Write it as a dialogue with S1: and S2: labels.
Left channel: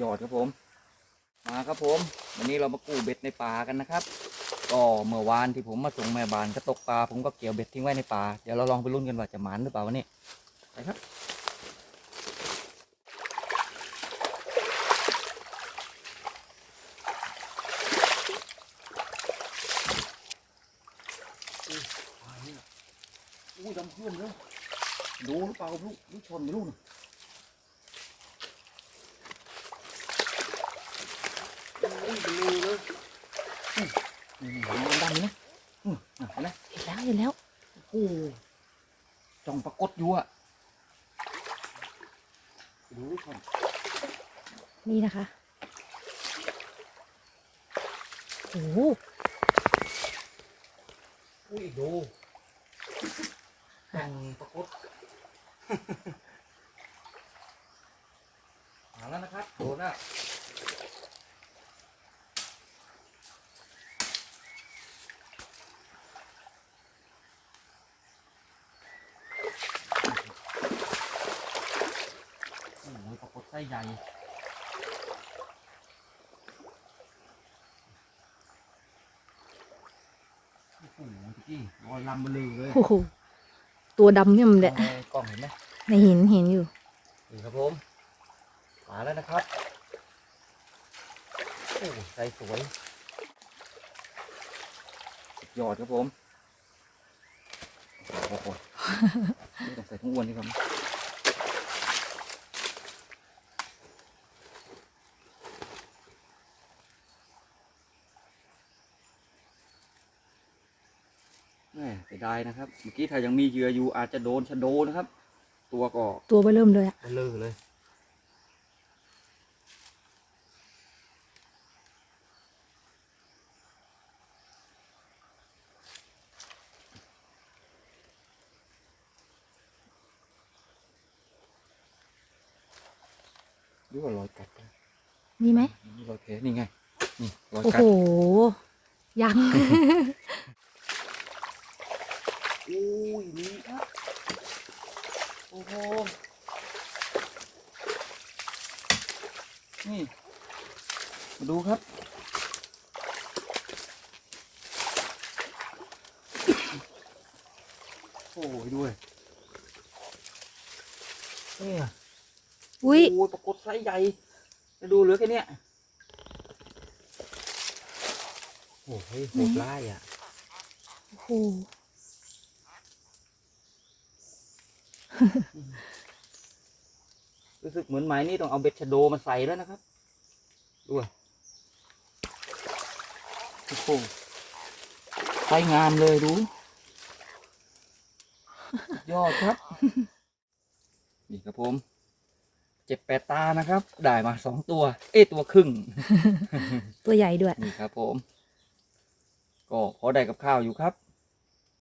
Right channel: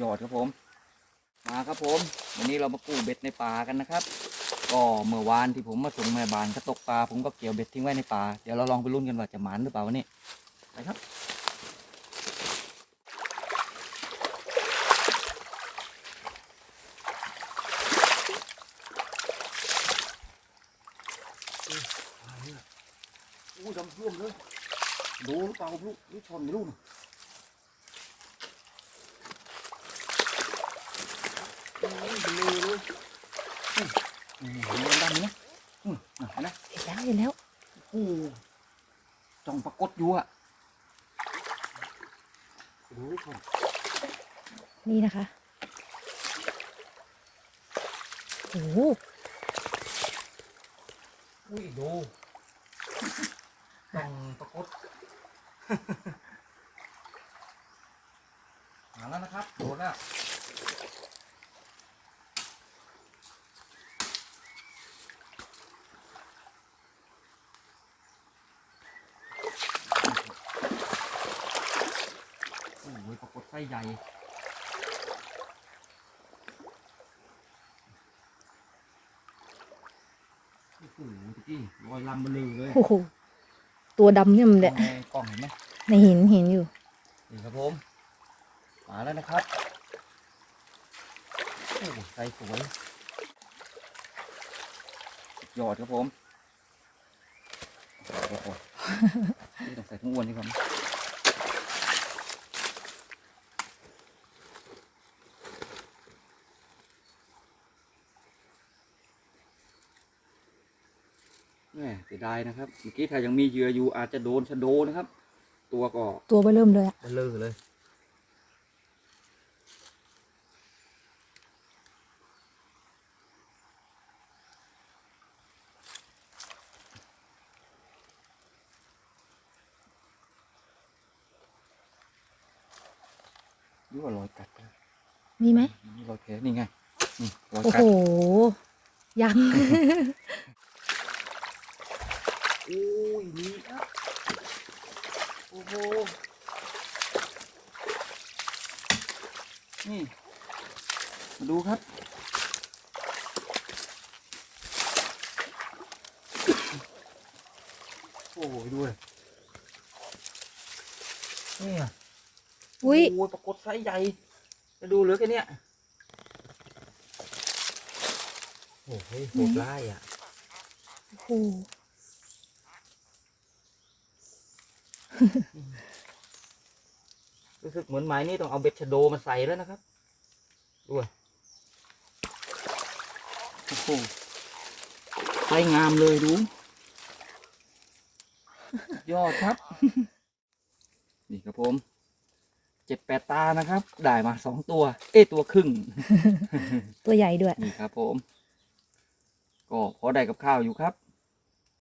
S1: ยอดครับผม มาครับผม วันนี้เรามากู้เบ็ดในป่ากันนะครับ ก็เมื่อวานที่ผมมาส่งแม่บานก็ตกปลาผมก็เกี่ยวเบ็ดทิ้งไว้ในป่าเดี๋ยวเราลองไปลุ้นกันว่าจะหมานหรือเปล่าวันนี้ไปครับอู้ดำเพื่อมเลยดูหรือเปล่าลูกลูกชนลูกน่ะอู้ยเป็นรูเลยอื มอืมดูดำๆนี่นะอืมอะเห็นไหม
S2: เห็นแล้วเห็นแล้ว
S1: โอ้จ้องปรากฏอยู่อะดูลูกชน
S2: นี่นะคะโอ้โห
S1: อุ้ยดูจ้องปรากฏมาแล้วนะครับ โดนแล้ว โอ้ยปรากฏไส้ใหญ่โอ้โหตะกี้รอยลำเบลือเลย
S2: โอ้โหตัวดำเนี่ยมันแหละ
S1: มองในกล้องเห็นไหม
S2: ในหินเห็นอยู่
S1: นี่ครับผมมาแล้วนะครับโอ้ใส่สวยสุดยอดครับผมโอ้โหนี่ต้องใส่ทั้งอ้วนนี่ครับ เสียดายนะครับ เมื่อกี้ถ้ายังมีเหยื่ออยู่อาจจะโดนชะโดนะครับ ตัวก็
S2: ตัวเบอเริ่มเลยอะ
S1: เบลอเลยดูว่ารอยกัดนะ
S2: มีไหม
S1: นี่รอยแผลนี่ไงนี่รอย
S2: โอ้
S1: กั
S2: โห
S1: ด
S2: ยัง
S1: อุ้ยนี่ครับ โอ้โห นี่มาดูครับ โอ้ยด้วยนี่ไง
S2: อุ้ย
S1: โอ้ยปรากฏไซส์ใหญ่จะดูเหลือแค่เนี้ยโอ้ยโหดร้ายอะ
S2: โอ้โห
S1: รู้สึกเหมือนไม้นี่ต้องเอาเบ็ดชะโดมาใส่แล้วนะครับด้วยโอ้โหไซส์งามเลยดู ยอดครับ นี่ครับผมเจ็ดแปดตานะครับ ได้มาสองตัว เอ้ยตัวครึ่ง
S2: ตัวใหญ่ด้วย
S1: นี่ครับผม ก็พอได้กับข้าวอยู่ครับ